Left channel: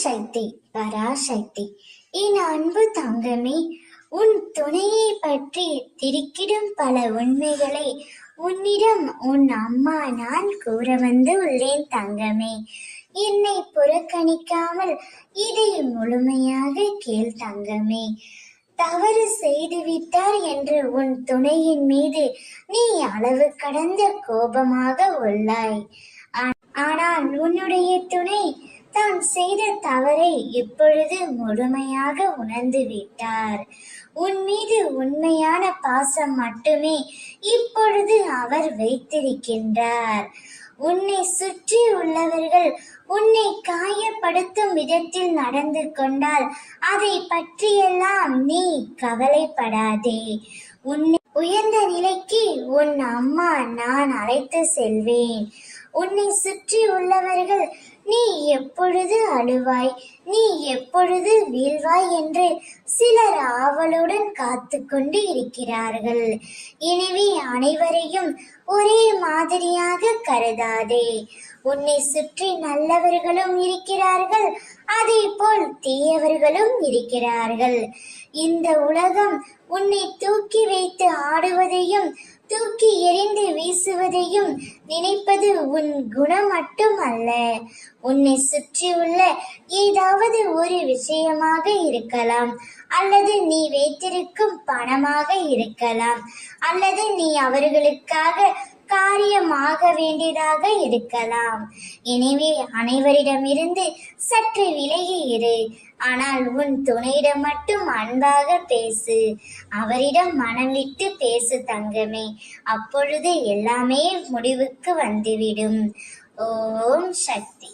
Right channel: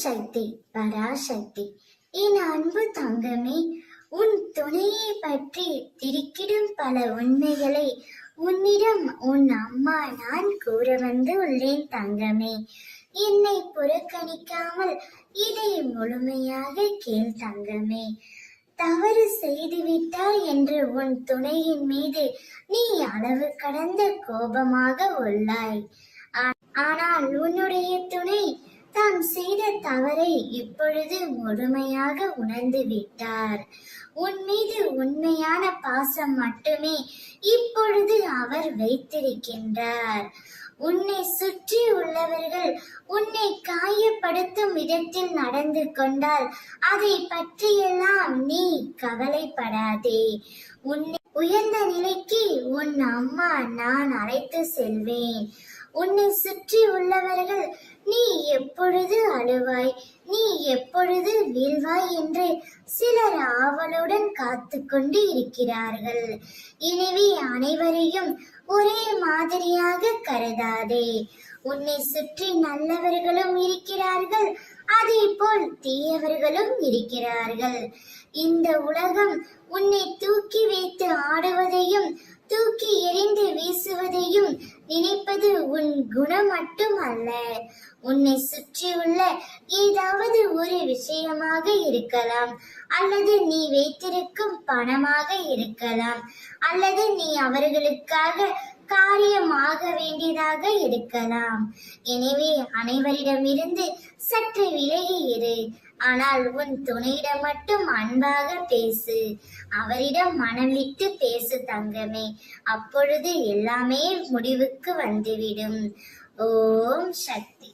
சக்தி பராசக்தி. என் அன்பு தங்கமே, உன் துணையை பற்றி திடுக்கிடும் பல உண்மைகளை உன்னிடம் உன் அம்மா நான் கூற வந்து உள்ளேன் தங்கமே. என்னை புறக்கணிக்காமல் இதை முழுமையாக கேள் தங்கமே. தவறு செய்துவிட்டார் என்று உன் துணையின் மீது நீ அளவு கடந்த கோபமாக உள்ளாய். ஆனால் உன்னுடைய துணை தான் செய்த தவறை இப்பொழுது முழுமையாக உணர்ந்து விட்டார். உன் மீது உண்மையான பாசம் மட்டுமே இப்பொழுது அவர் வைத்திருக்கின்றார். உன்னை சுற்றி உள்ளவர்கள் உன்னை காயப்படுத்தும் விதத்தில் நடந்து கொண்டால் அதை பற்றியெல்லாம் நீ கவலைப்படாதே. உன்னை உயர்ந்த நிலைக்கு உன் அம்மா நான் அழைத்து செல்வேன். உன்னை சுற்றி உள்ளவர்கள் நீ எப்பொழுது அழுவாய், நீ எப்பொழுது வீழ்வாய் என்று சிலர் ஆவலுடன் காத்து கொண்டு இருக்கிறார்கள். எனவே அனைவரையும் ஒரே மாதிரியாக கருதாதே. உன்னை சுற்றி நல்லவர்களும் இருக்கிறார்கள், அதே போல் தீயவர்களும் இருக்கிறார்கள். இந்த உலகம் உன்னை தூக்கி வைத்து ஆடுவதையும் தூக்கி எறிந்து வீசுவதையும் நினைப்பது உன் குணம் மட்டும் அல்ல. உன்னை சுற்றியுள்ள ஏதாவது ஒரு விஷயமாக இருக்கலாம், அல்லது நீ வைத்திருக்கும் பணமாக இருக்கலாம், அல்லது நீ அவர்களுக்காக காரியமாக வேண்டியதாக இருக்கலாம். எனவே அனைவரிடமிருந்து சற்று விலகி இரு. ஆனால் உன் துணையிடம் மட்டும் அன்பாக பேசு. அவரிடம் மனம் விட்டு பேசு தங்கமே. அப்பொழுது எல்லாமே முடிவுக்கு வந்துவிடும். ஓம் சக்தி.